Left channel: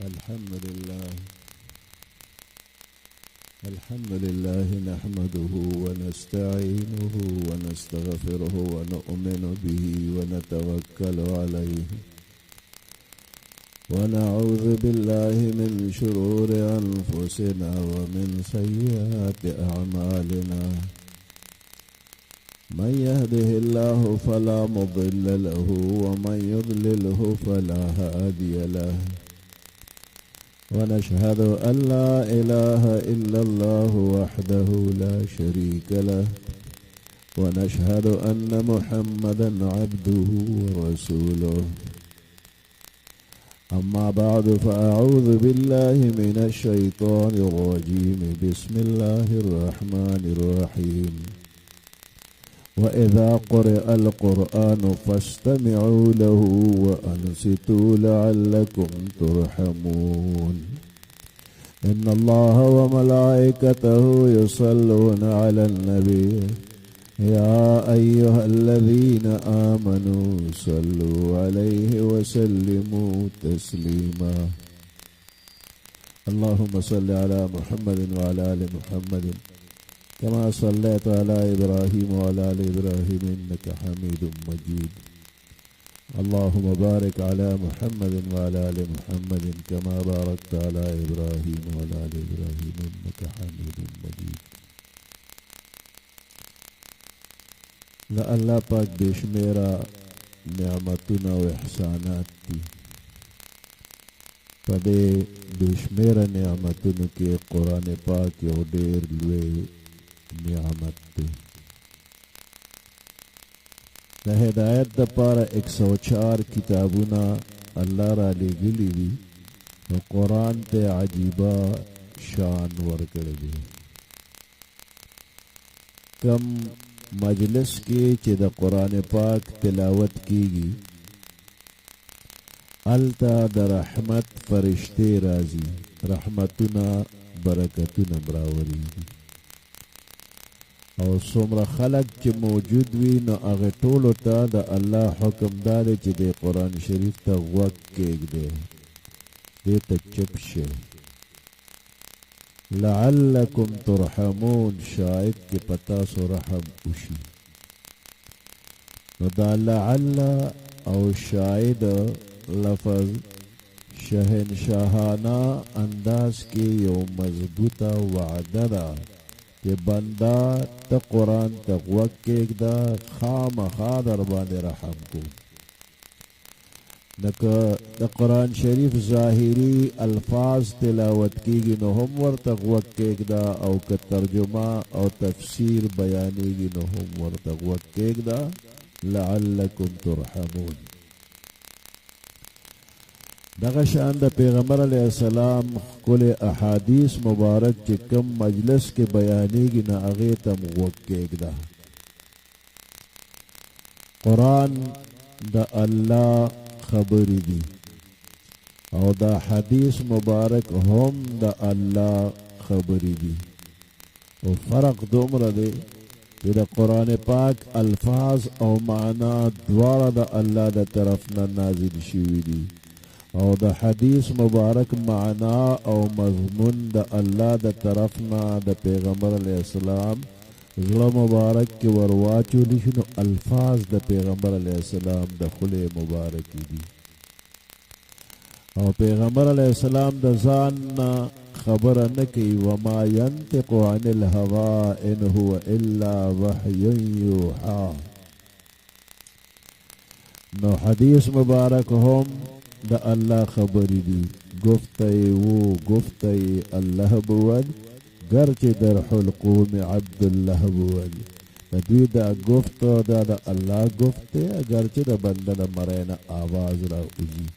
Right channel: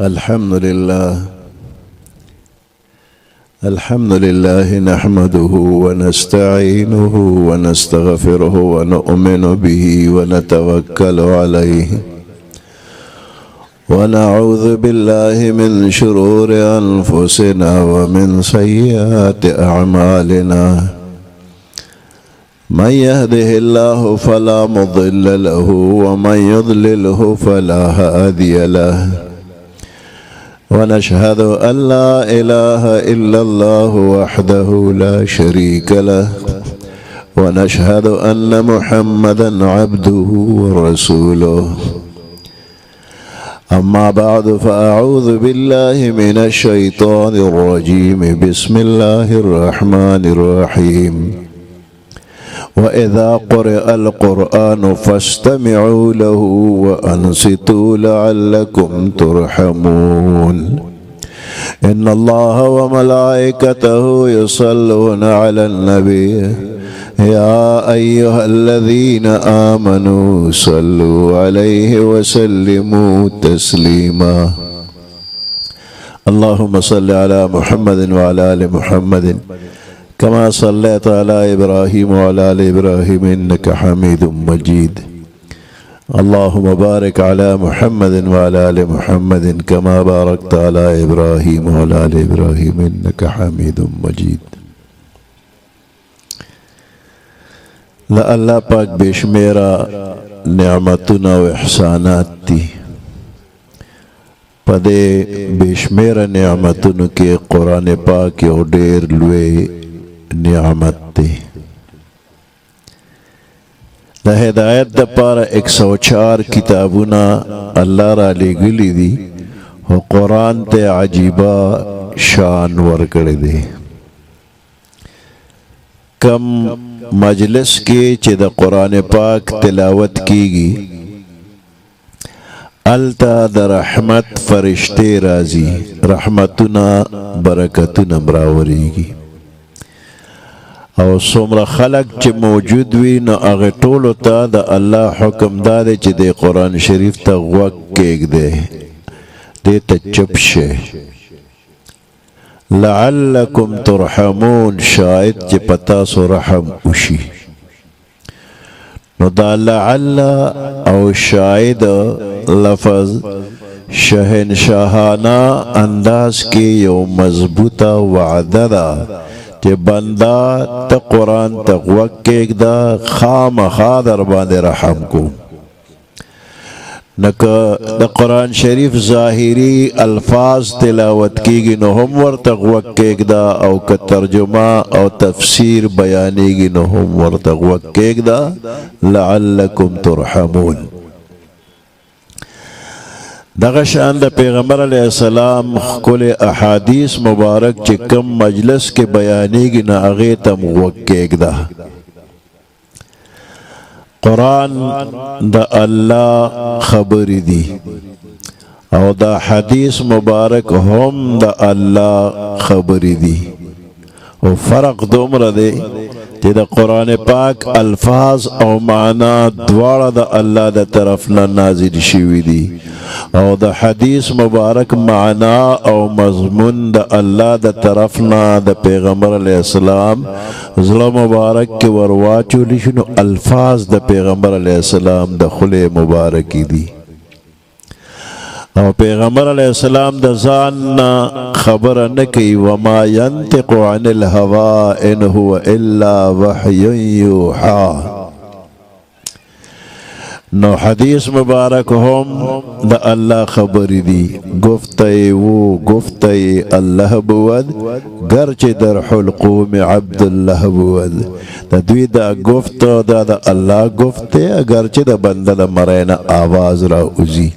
الحمد لله نحمده ونستعينه ونستغفره ونؤمن به ونتوكل عليه ونعوذ بالله من شرور أنفسنا ومن سيئات أعمالنا من يهده الله فلا مضل له ومن يضلله فلا هادي له ونشهد أن لا إله إلا الله وحده لا شريك له ونشهد أن محمدا عبده ورسوله أما بعد فأعوذ بالله من الشيطان الرجيم بسم الله الرحمن الرحيم وإذا قرئ القرآن فاستمعوا له وأنصتوا لعلكم ترحمون إن الله وملائكته يصلون على النبي يا أيها الذين آمنوا صلوا عليه وسلموا تسليما اللهم صل على محمد وعلى آل محمد كما صليت على إبراهيم وعلى آل إبراهيم إنك حميد مجيد اللهم بارك على محمد وعلى آل محمد كما باركت على إبراهيم وعلى آل إبراهيم إنك حميد مجيد لا الله پاک بشمیرا نعمتنا و احسانات تی پدے بشمیرا نعمتنا کے قرآن پاک یو ډیر لوی نعمت تی دا ہدایت دا پارا 104 کتابونا اللہ را لگلی دی و قرآن تے عجیبہ شان ورکڑی دی کم مجلس کی چی دا قرآن پاک تلاوت کیگی التا دا رحمت فرشتے رازی رحمتنا برکتنا براوریگی او سمر خلق چی موجود وی نو اغی طولو تا دا اللہ حکم دادے چی دے قرآن شریف تا غوک کیگ دے دے تا چپ شے لعلکم ترحمون شاید چی پتاسو رحم اشی نو دا لعل او شاید لفظ شہنشاہانہ انداز کی یو مضبوطہ وعدہ دا کہ بندہ تا قرآن تا غوک ایک دا خام خادر باندے رحم کو نکا دا قرآن شریف ظاہری الفاظ تلاوت کی گی نو ہم ور تا غوک ایک دا او کا ترجمہ او تفسیر بیانی گی نو ہم ور تا غوک ایک دا لعلکم ترحمون دغشان دا پیغمبر علیہ السلام کل احادیث مبارک چی کم مجلس کے بیانی گی نا اغیتم وکیگ دا قرآن دا اللہ خبری دی او دا حدیث مبارک ہم دا اللہ خبری دی او فرق دومر دے چی دا قرآن پاک الفاظ او معنی دوارا دا اللہ دا طرفنا نازل شوی دی او دا حدیث مبارک معنا او مضمون دا اللہ دا طرفنا دا پیغمبر علیہ السلام ظلم مبارک کے ورواچو لشنو الفاظ دا پیغمبر علیہ السلام دا خلے مبارکی دی او پیغمبر علیہ السلام دا زاننا خبر نکی وما ینتق عن الہوا ان هو الا وحی یوحا نو حدیث مبارک ہم دا اللہ خبری دی گفتئی وہ گفتئی اللہ بود گرچ در حلقوم عبداللہ بود دا دوی دا گفت دا اللہ گفتے گرچ دا بندہ دا مرین آواز را ازی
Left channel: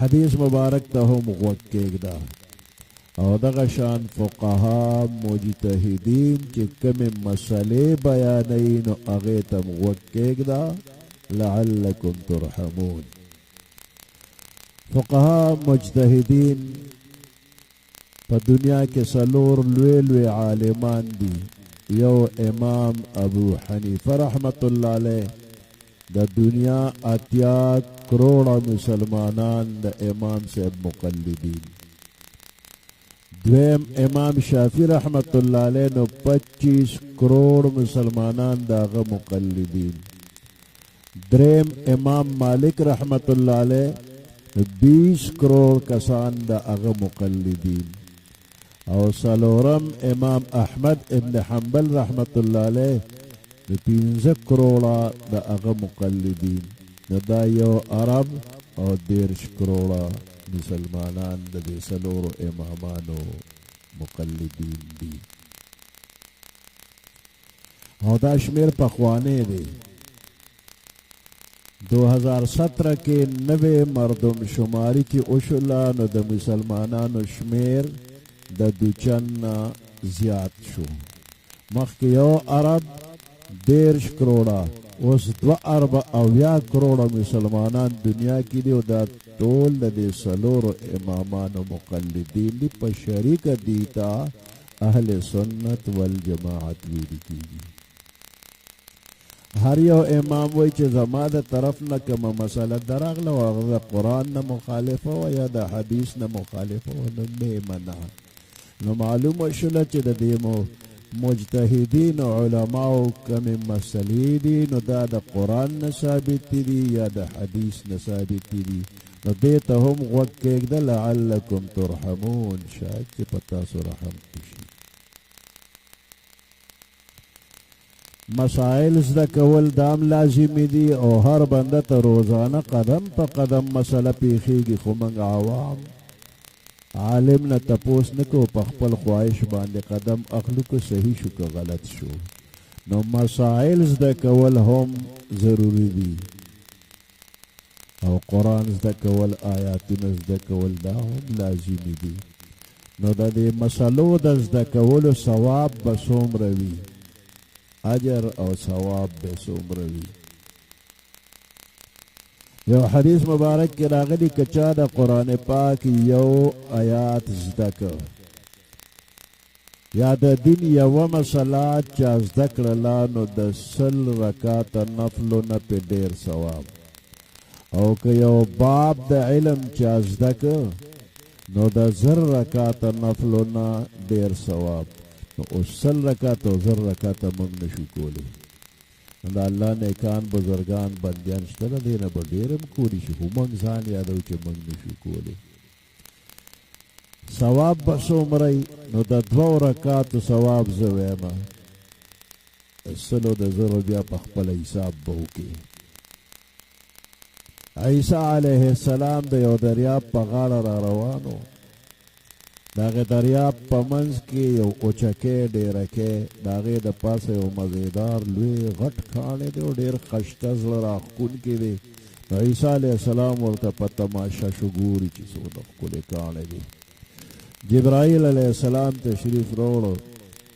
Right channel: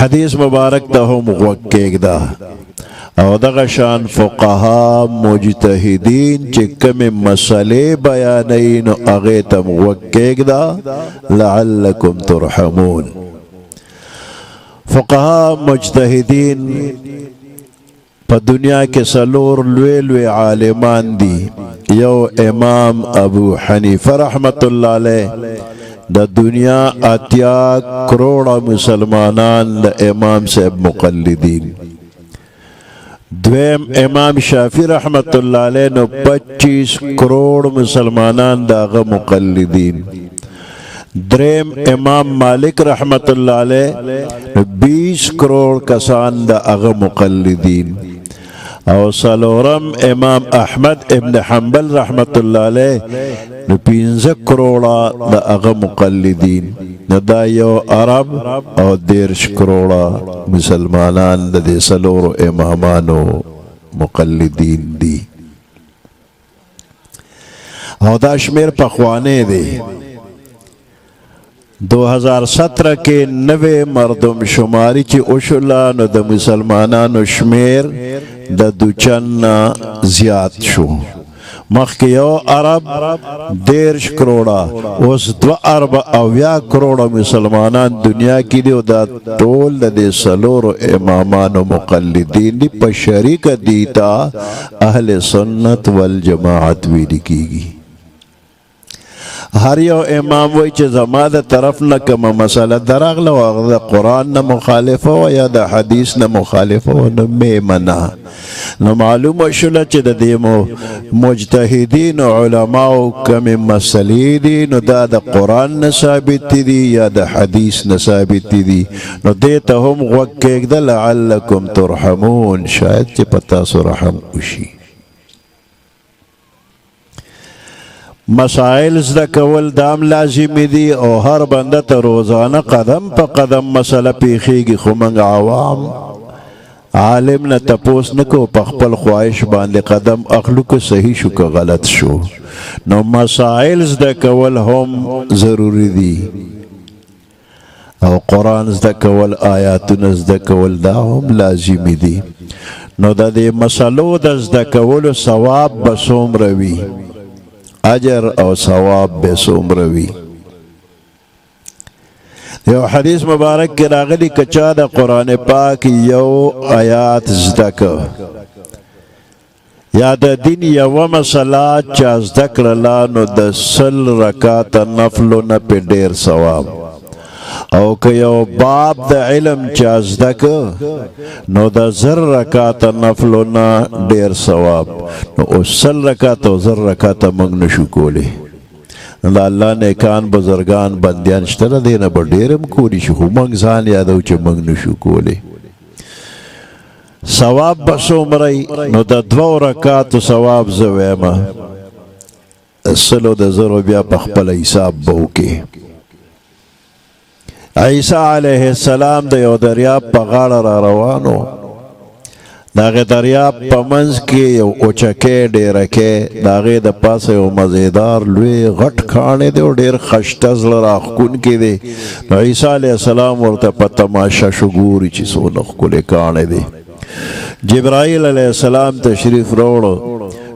حدیث مبارک دا ہم غوکیگ دا او دغه شان فقها مجتهدین چې کوم مسئله بیانین او هغه تم وکېږدا لعلکم ترحمون فقها مجتهدین په دنیا کې سلور لوی لوی عالمان دي یو امام ابو حنیفه رحمت الله علیه د دنیا 80 کروڑ مسلمانان د امام صاحب مقلدین. دویم امام شافعی رحمت اللہ علیہ نو 25 کروڑ مسلمانان داغه مقلدین. دریم امام مالک رحمت اللہ علیہ 20 کروڑ کسان داغه مقلدین. او سلورم امام احمد ابن حنبل رحمت اللہ علیہ 15 کروڑا داغه مقلدین. دا یو عرب او 10 کروڑا مسلمانان د دې سلورو امامانو مقلدین دي. او دا شمیر پخوانه دی. 2017 کې 90 مردم شماری چې اوشلا نو د مسلمانانو شمیر د دوچن زیات شو. مخکې یو عرب 10 کروڑا اوس 2 کروڑا مسلمانان دنیا کې دي. او دا ټول د دې سلورو امامانو مقلدین دي. په شریک دیتا اهل سنت والجماعت ویل کیږي. هر یو امام وای چې زما د طرف نه کومه مسله درغله او هغه د قرآن نه مخالفه و یا د حدیث نه مخالفه و نو مې منع. نو معلومه شوله چې د دې مجتهدین علماو کومې مسلې دي نو دا د قرآن نه ثابت دي یا د حدیث نه ثابت دي. نو دې ته هم غوږ کېږده لعلکم ترحمون، شاید چې په تاسو رحم وشي. مسائل زده کول دام لازمی دی او هر بنده ته روزانه قدم په قدم مسله پیښیږي. خو موږ عوام عالم نه تپوس نه کوو، په خپل خواهش باندې قدم اخلو که صحیح شو که غلط شو. نو مسائل زده کول هم ضروری دی او قرآن زده کول، آیاتونه زده کول دا هم لازمی دی. نو د دې مسلو د زده کولو ثواب به څومره وي، اجر او ثواب به څومره وي. یو حدیث مبارک کې راغلی که چا د قرآن پاک یو آیات زده که یا د دین یوه مسله چا زده کړله نو د 100 رکاته نفلو نه پې ډېر ثواب. او که یو باب د علم چا زده که نو د 1000 رکاته نفلو نه ډېر ثواب. نو اوس 100 رکاته او 1000 رکاته موږ نشو کولی. د الله نیکان بزرگان بندیان شته د دې نه به ډېر هم کولی شي، خو موږ ځان یادو چې موږ نشو کولی. ثواب به څومره نو د 2 رکاتو ثواب زه ویمه 100 د 1000 بیا په خپله حساب به وکړې. عیسی علیه السلام د یو دریاب په غاړه را روانو. د هغې دریاب په منځ کې یو اوچکۍ ډیرکۍ، د هغې د پاسه یو مزیدار لوی غټ کاڼی دی او ډېر ښایسته زړه راښکونکی دی. نو عیسی علیه السلام ورته په تماشه شو، ګوري چې څونه ښکلی کاڼی دی. جبرائیل علیه السلام تشریف راوړو،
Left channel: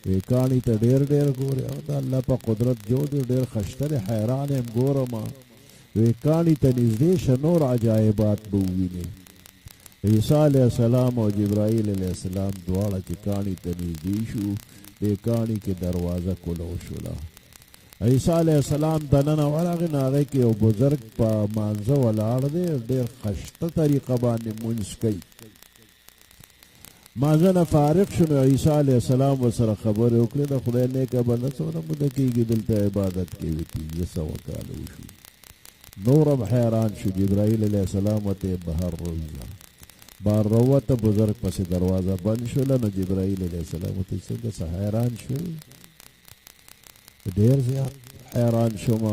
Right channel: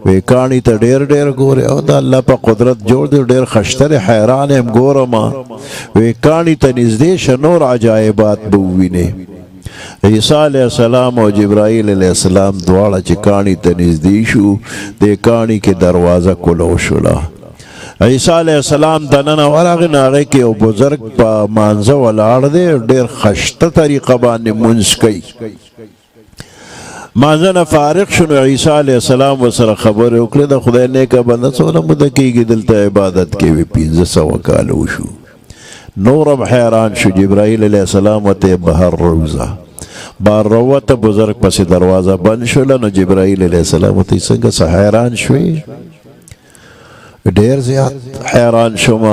وی کاڼي ته ډېر ډېر ګورې او د الله په قدرت جوړ دی، ډېر ښایسته دی، حیران یم ګورم. وی کاڼي ته نږدې شه نور عجایبات به ووینې. عیسی علیه السلام او جبرائیل علیه السلام دواړه چې کاڼي ته نږدې شو، دې کاڼي کې دروازه کلو شوله. عیسی علیه السلام دننه ورغی، نو هغې کې یو بزرګ په مانځه ولاړ دی، ډېر ښایسته طریقه باندې مونځ کوي. مانځه نه فارغ شو، نو عیسی علیه السلام ورسره خبرې وکړې، د خدای نیکه بنده څومره موده کېږي دلته عبادت کوي؟ 1500 کاله وشو. نور هم حیران شو. جبرائیل علیه السلام ورته بهر روزه بار روته، بزرګ پسې دروازه بند شوله. نو جبرائیل علیه السلام ورته څنګه څه حیران شوې؟ ډېر زیات حیران شوم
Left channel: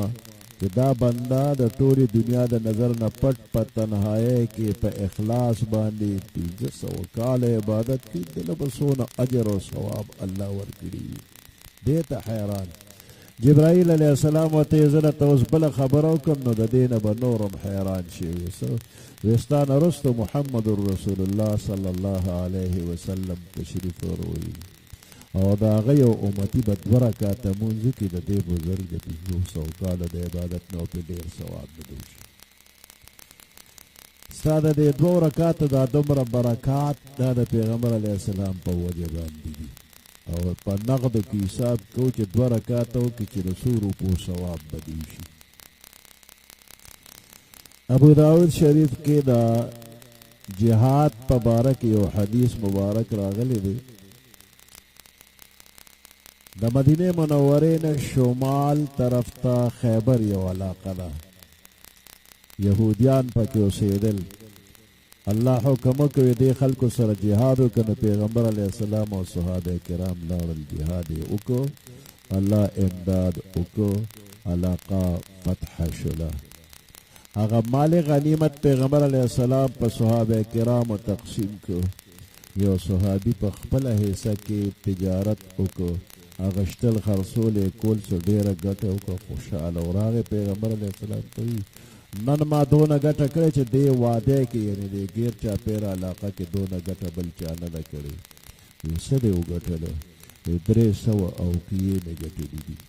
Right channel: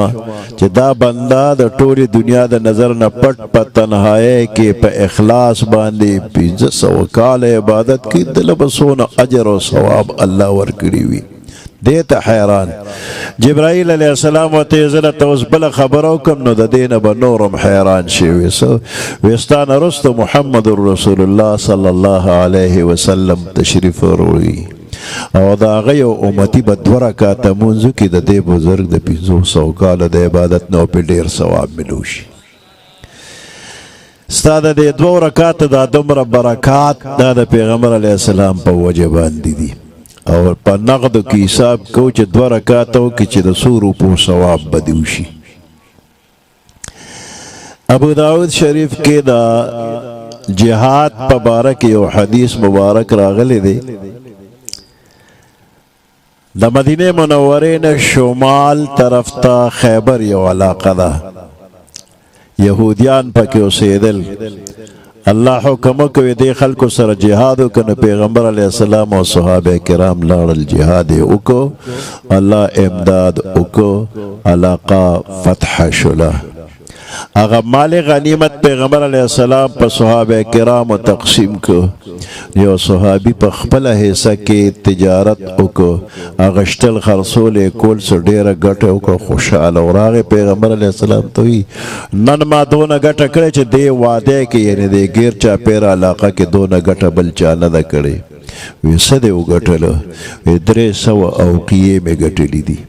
چې دا بنده د ټولې دنیا د نظر نه پټ په تنهایۍ کې په اخلاص باندې 1500 کاله عبادت کوي، دله به څونه اجر او ثواب الله ورکړي وي. دې ته حیران. جبرائیل علیه السلام ورته زه درته اوس بله خبره وکړم، نو د دې نه به نور هم حیران شي. وی ستا نه وروسته محمد رسول الله صلی الله علیه وسلم تشریف وروړي او د هغه یو امتي به 2 رکاته مونځ وکړي، د دې بزرګ د 1500 کاله د عبادت نه پې ډېر ثواب ملو شي. ستا د دې 2 رکاته دا دومره برکات دا د پیغمبر علیه السلام په وجه باندې دي. او په نقدو کې حساب کوو چې 2 رکاته وکړي چې د 100 روپو ثواب به دې وشي. ابو داود شریف کې دا جهاد په باره کې یو حدیث مبارک راغلی دی. د مدینه منورې نه شمال طرف ته خیبر یو علاقه ده، یهودیان پکې اوسېدل. الله حکم کوي دې خلکو سره جهاد وکړه. پیغمبر علیه السلام او صحابه کرام لاړل، جهاد یې وکړو، الله امداد وکړو، علاقه فتح شوله. هغه مال غنیمت پیغمبر علیه السلام په صحابه کرامو تقسیم کو. یو صحابي په خپل حصہ کې تجارت وکړو، اغشتل خرڅول کول څه ډیره ګټه وکړه، خوشاله وراغه. پیغمبر علیه السلام ته وی نن ما دونه ګټه کړې چې دې واده کې یعنی دې غیر چا پیر علاقه کې دونه ګټه بل چا نه ده کړې. وی څه دې وګټله؟ 300 اوقیې مې ګټلې دي.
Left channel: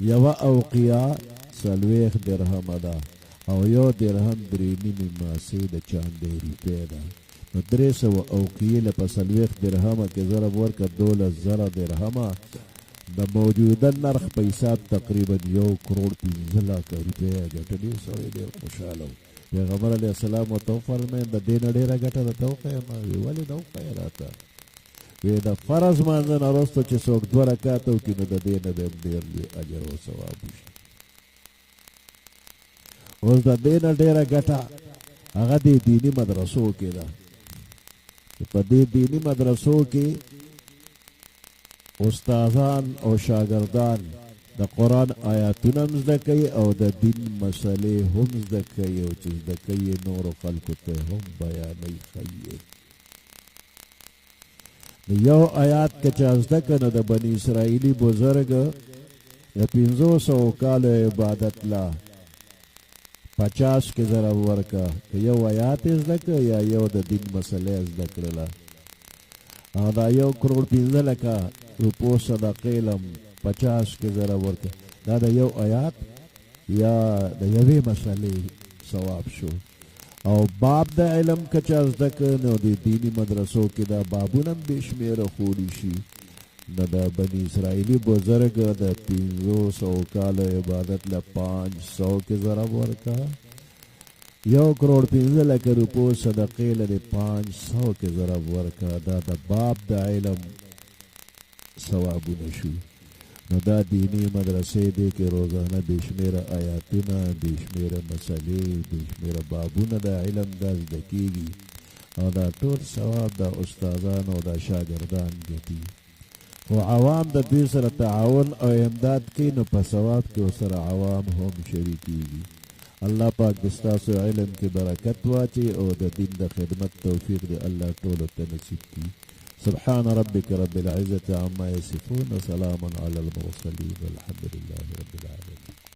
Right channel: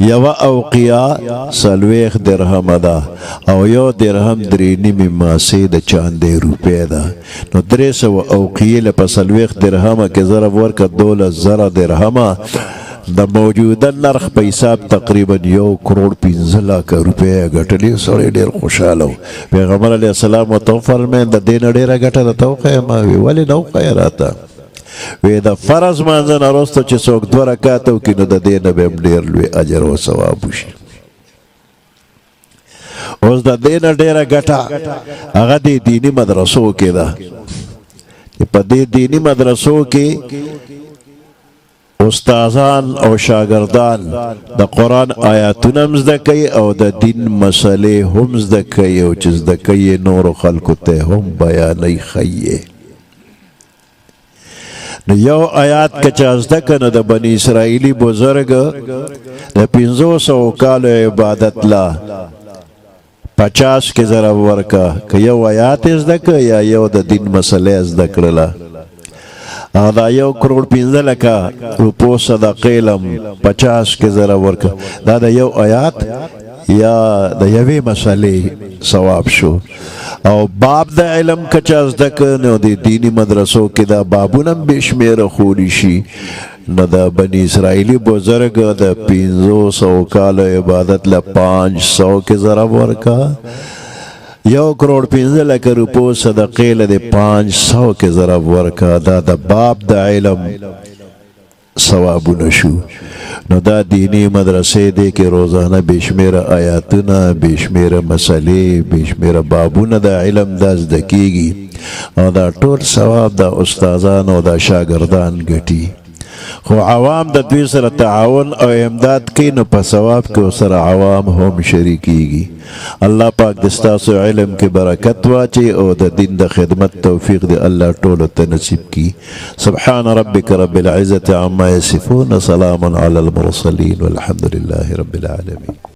یو اوقیه 40 درهم ده او یو درهم 3.5 ماسې د چاندې روپۍ ده. نو 300 اوقیې له په 40 درهمه کې ضرب ورکړه 12,000 درهمه. د موجوده نرخ په حساب تقریبا 1,15,00,000 روپۍ ګټلې. سړی ډېر خوشحاله و. پیغمبر علیه السلام ورته وفرمیل د دې نه ډېره ګټه درته وښیم؟ وی ولې نه وښیه راته؟ وی د فرض مانځه نه وروسته چې څوک 2 رکعته وکړي نو د دې نه به هم ډېر لوی اجر او ثواب وشي. اوس د دې نه ډېره ګټه هغه د دیني مدرسو کې ده. په دې دینی مدرسو کې استادان او شاگردان د قرآن آیاتونه هم زده کوي او د دین مسلې هم زده کوي او چې زده کوي نورو خلکو ته هم بیانوي ښیي. نو یو آیات که چا زده که نو د بني اسرائیلي بزرګ د 500 کالو عبادت لا 50 کې ضرب ورکه که یو آیات زده که یا یو د دین مسلې زده کړله. او دا 1,15,00,000 روپو صدقې لم 50 کې ضرب ورکه. دا د یو آیات یا د یوې مسلې ثواب شو. او باب د علم کچا زده که نو د دینی مدرسو کې دا بابونه هم بې شمېره ښودي شي. نو د بني اسرائیلي بزرګ د 500 کالو عبادت له 500 کې ضرب ورکه. 1,15,00,000 روپو صدقې له د 500 کې ضرب ورکه. دا د باب د علم ثوابونه شو. نو دا دینی مدرسې دی کې روزانه بېشمېره آیاتونه، بېشمېره مسلې، بېشمېره بابونه د علم دا زده کېږي او دا ټول ثواب د استادان او د شاګردان ګټي. خو عوام د دوی سره تعاون او امداد کوي نو په ثواب کې ورسره عوام هم شریکېږي. الله پاک د ستاسو علم کې برکت واچي او د دین د خدمت توفیق دی الله ټولو ته نصیب کړي. سبحان ربک رب العزة عما یصفون، سلام علی المرسلین والحمد لله رب العالمین.